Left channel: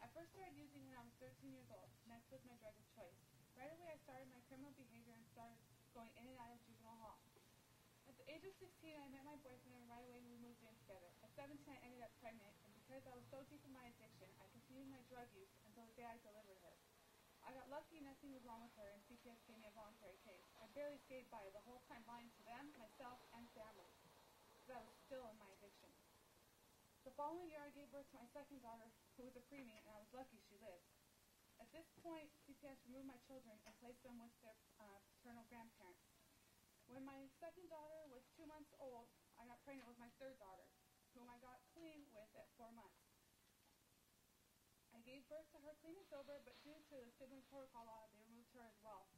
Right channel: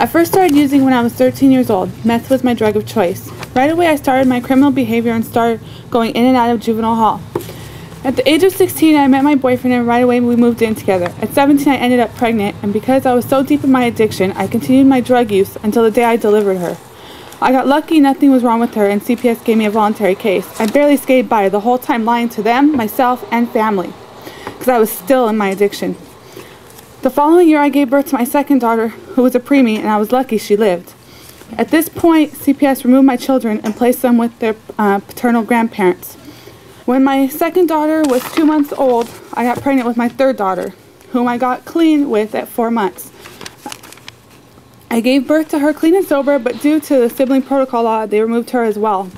I first started using when I was 13 years old. Meth was my drug of choice. Right away I started my criminal behavior and started going in and out of juvenile hall. At the age of 16, I met my boyfriend and right away we moved in together. At 17, I ended up pregnant, and because I was so deep in my addiction, I continued my drug use until the day I delivered her. I got lucky, nothing was wrong with her, and CPS gave me a voluntary case. I barely skated by, the whole time lying to them, myself, and family, because I was still in my addiction. The following year, I gave birth to my second daughter, who was a preemie, and I was lucky she lived. At this point, CPS removed my children and placed them with their paternal grandparents. When my second daughter was 2 months old, I got pregnant with my third daughter, whom I got clean with at 4 months. I gave birth to her clean and sober, but due to the sibling protocol law, they removed her as well.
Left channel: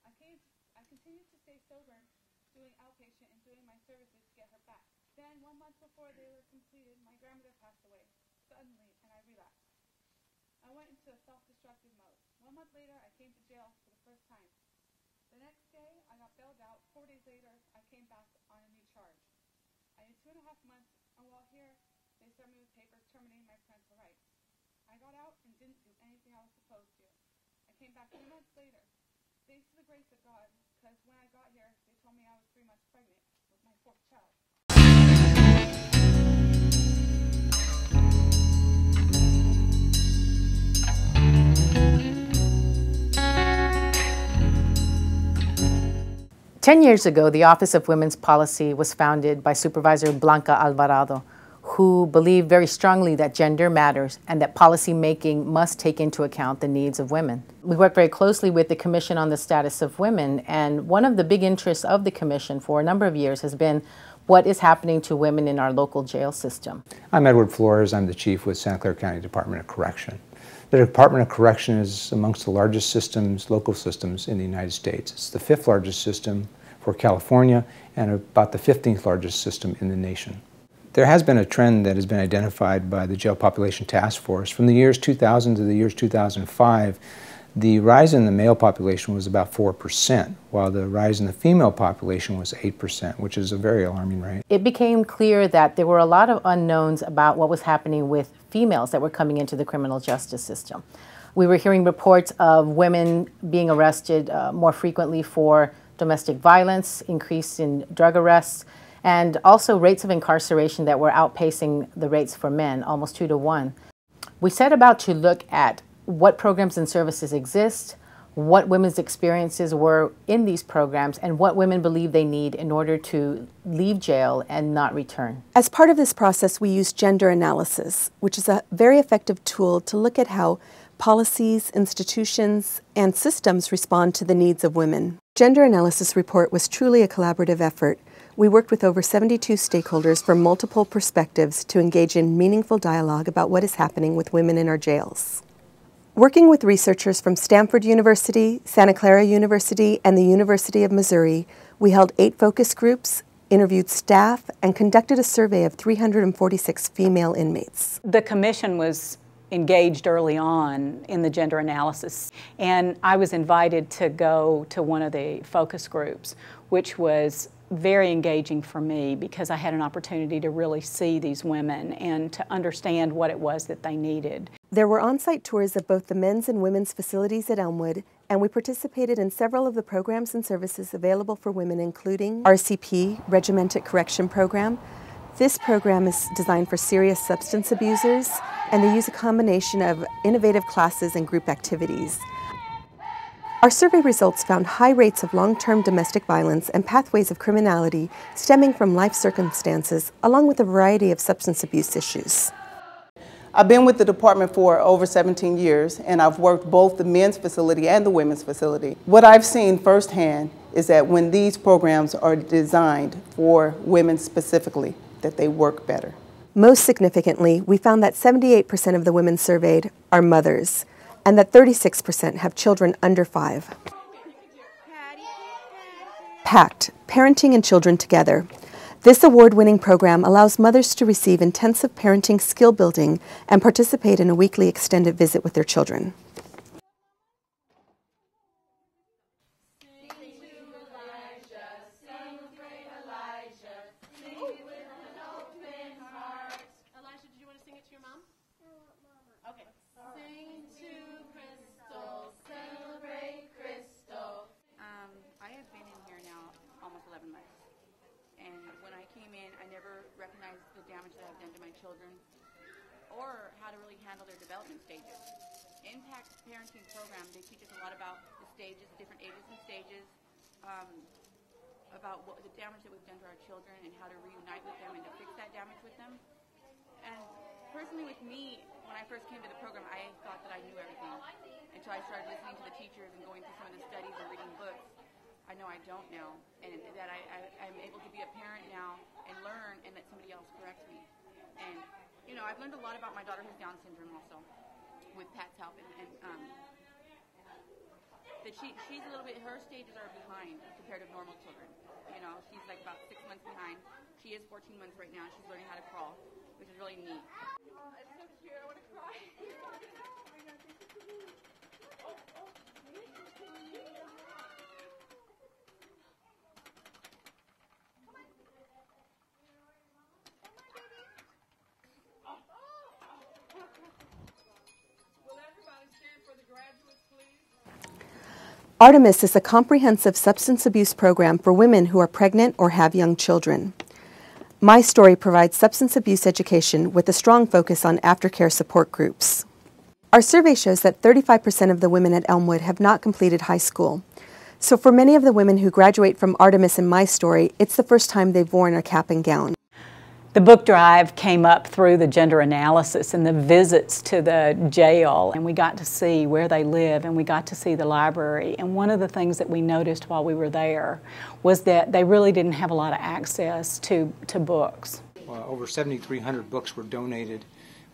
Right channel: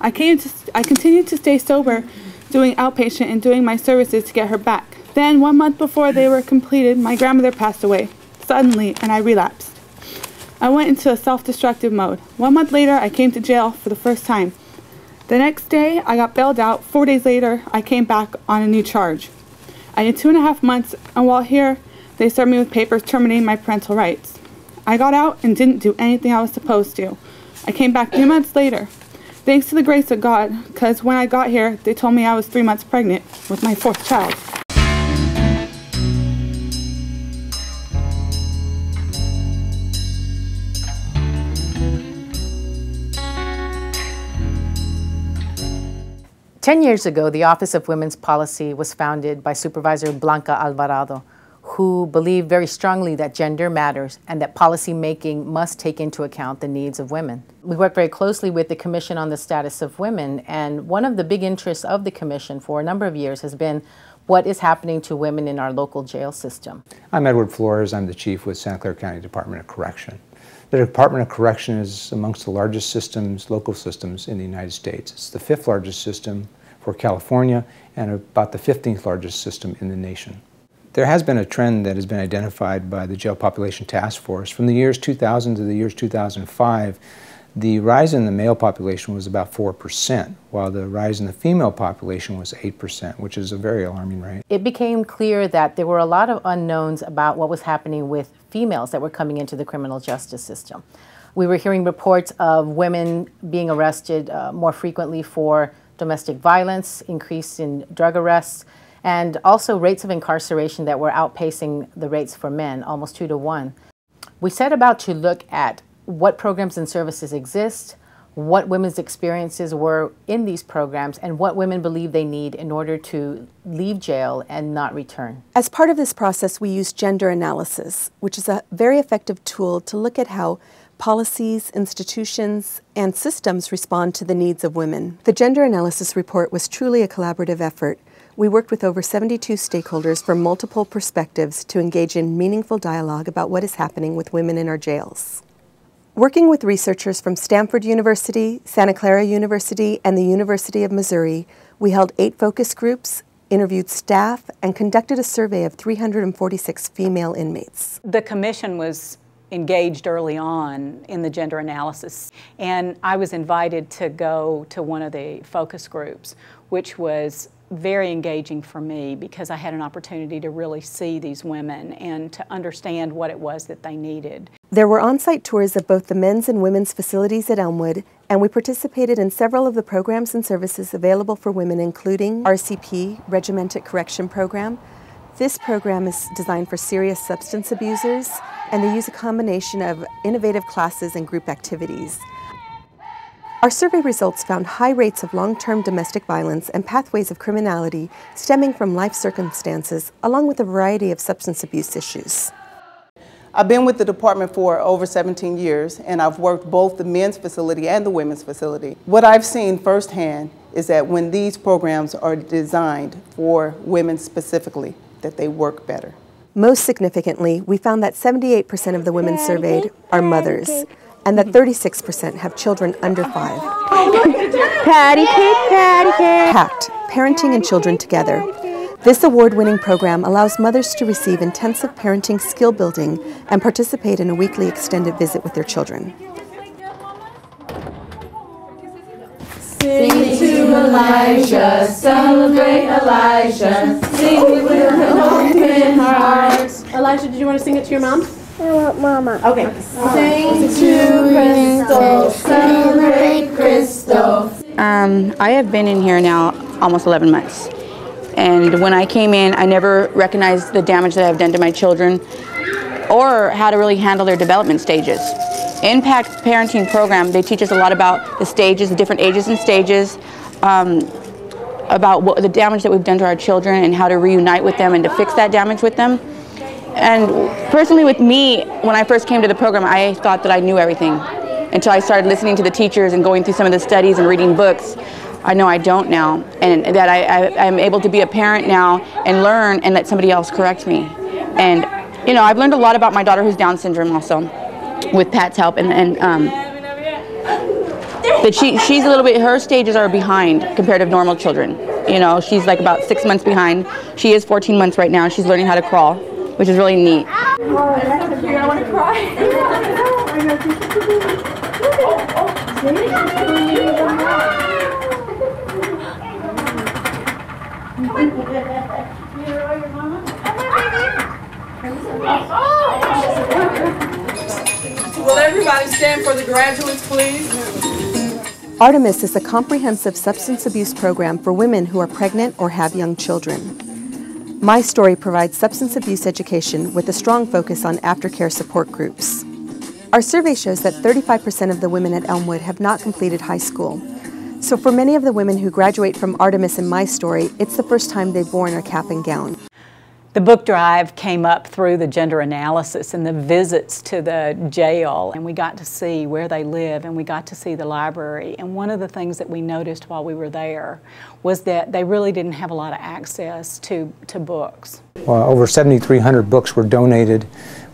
I continued to stay sober, doing outpatient and doing my services to get her back. Then, 1 month before they were completed, my grandmother passed away, suddenly, and I relapsed. I went into a self-destructive mode. 1 month later, I came to jail for the first time. The next day, I got bailed out. 4 days later, I came back on a new charge. I did 2.5 months, and while here, they served me with papers terminating my parental rights. I got out and didn't do anything I was supposed to. I came back 3 months later. Thanks to the grace of God, because when I got here, they told me I was 3 months pregnant with my fourth child. Ten years ago, the Office of Women's Policy was founded by Supervisor Blanca Alvarado, who believed very strongly that gender matters and that policy making must take into account the needs of women. We work very closely with the Commission on the Status of Women, and one of the big interests of the Commission for a number of years has been what is happening to women in our local jail system. I'm Edward Flores. I'm the chief with Santa Clara County Department of Correction. The Department of Correction is amongst the largest systems, local systems in the United States. It's the 5th largest system for California and about the 15th largest system in the nation. There has been a trend that has been identified by the Jail Population Task Force. From the years 2000 to the years 2005, the rise in the male population was about 4%, while the rise in the female population was 8%, which is a very alarming rate. It became clear that there were a lot of unknowns about what was happening with females that were coming into the criminal justice system. We were hearing reports of women being arrested more frequently for domestic violence, increase in drug arrests, and also rates of incarceration that were outpacing the rates for men, almost 2 to 1. We set about to look at what programs and services exist, what women's experiences were in these programs, and what women believe they need in order to leave jail and not return. As part of this process, we use gender analysis, which is a very effective tool to look at how policies, institutions, and systems respond to the needs of women. The Gender Analysis Report was truly a collaborative effort. We worked with over 72 stakeholders from multiple perspectives to engage in meaningful dialogue about what is happening with women in our jails. Working with researchers from Stanford University, Santa Clara University, and the University of Missouri, we held 8 focus groups, interviewed staff, and conducted a survey of 346 female inmates. The commission was engaged early on in the gender analysis, and I was invited to go to one of the focus groups, which was very engaging for me because I had an opportunity to really see these women and to understand what it was that they needed. There were on-site tours of both the men's and women's facilities at Elmwood, and we participated in several of the programs and services available for women, including RCP, Regimented Correction Program. This program is designed for serious substance abusers, and they use a combination of innovative classes and group activities. Our survey results found high rates of long-term domestic violence and pathways of criminality stemming from life circumstances, along with a variety of substance abuse issues. I've been with the department for over 17 years, and I've worked both the men's facility and the women's facility. What I've seen firsthand is that when these programs are designed for women specifically, that they work better. Most significantly, we found that 78% of the women surveyed are mothers, and that 36% have children under 5. Patty cake, patty cake. PACT, Parenting and Children Together. This award-winning program allows mothers to receive intensive parenting skill building and participate in a weekly extended visit with their children. Sing to Elijah, celebrate Elijah, sing with an open heart. Elijah, did you want to sing it to your mom? I want Mama. Okay. Sing to Crystal, celebrate Crystal. I have been in here now almost 11 months. And when I came in, I never recognized the damage that I've done to my children or how to really handle their development stages. Impact Parenting Program, they teach us a lot about the stages, the different ages and stages, about the damage that we've done to our children and how to reunite with them and to fix that damage with them. And personally with me, when I first came to the program, I thought that I knew everything until I started listening to the teachers and going through some of the studies and reading books. I know I don't now, and that I'm able to be a parent now and learn and let somebody else correct me. And you know, I've learned a lot about my daughter who's Down syndrome also, with Pat's help, and that she's a little bit, her stages are behind compared to normal children. You know, she's like about 6 months behind. She is 14 months right now. She's learning how to crawl, which is really neat. Oh, that's so cute. I want to cry. Will everybody stand for the graduates, please? Artemis is a comprehensive substance abuse program for women who are pregnant or have young children. My Story provides substance abuse education with a strong focus on aftercare support groups. Our survey shows that 35% of the women at Elmwood have not completed high school. So for many of the women who graduate from Artemis and My Story, it's the first time they've worn a cap and gown. The book drive came up through the gender analysis and the visits to the jail, and we got to see where they live and we got to see the library. And one of the things that we noticed while we were there was that they really didn't have a lot of access to books. Well, over 7,300 books were donated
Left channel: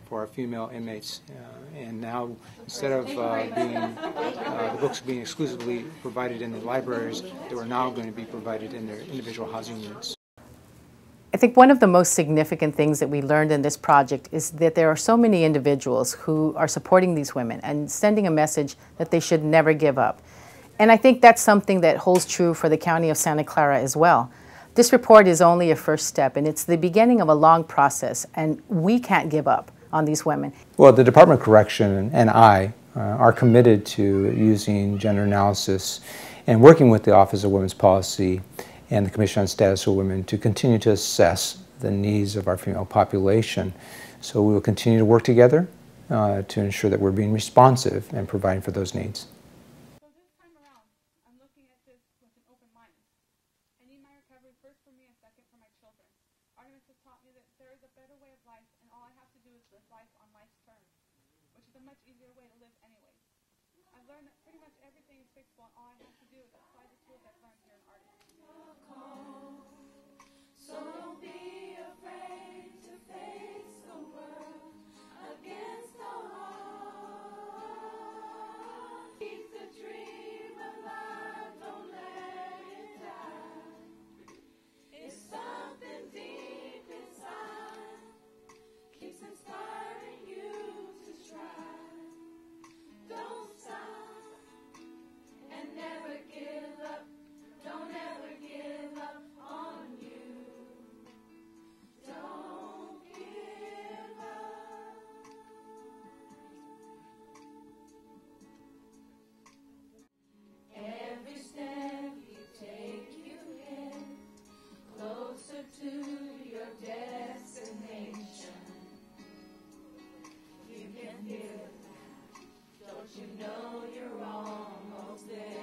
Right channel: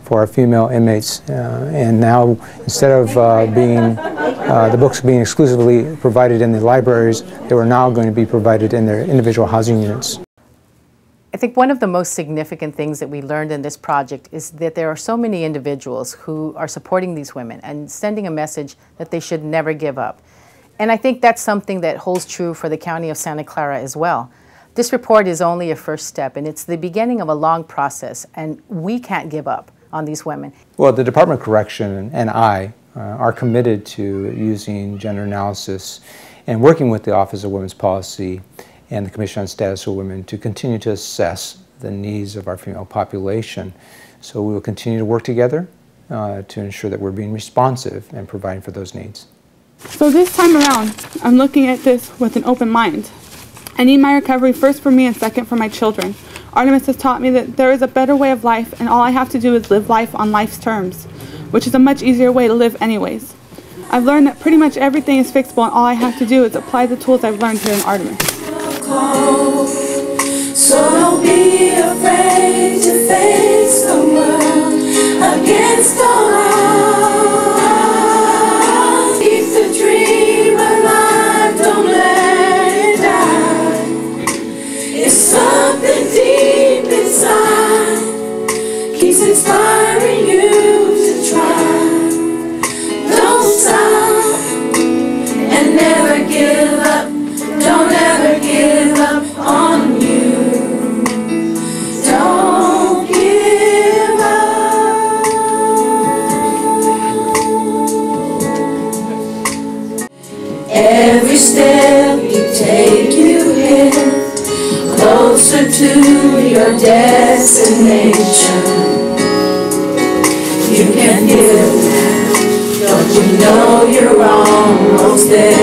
for our female inmates, and now instead of the books being exclusively provided in the libraries, they were now going to be provided in their individual housing units. I think one of the most significant things that we learned in this project is that there are so many individuals who are supporting these women and sending a message that they should never give up. And I think that's something that holds true for the County of Santa Clara as well. This report is only a first step, and it's the beginning of a long process, and we can't give up on these women. Well, the Department of Correction and I are committed to using gender analysis and working with the Office of Women's Policy and the Commission on Status of Women to continue to assess the needs of our female population. So we will continue to work together to ensure that we're being responsive and providing for those needs. So this time around, I'm looking at this with an open mind. I need my recovery first for me and second for my children. Artemis has taught me that there is a better way of life, and all I have to do is live life on life's terms, which is a much easier way to live anyways. I've learned that pretty much everything is fixable, and all I have to do is apply the tools I've learned here in Artemis. So don't be afraid to face the world against all odds. Keep the dream alive, don't let it die. It's something deep inside, keeps inspiring you to try. Don't stop and never give up. Don't ever give up on you. Don't give up. Every step you take, you hit closer to your destination. You can feel it now. Don't you know you're almost there?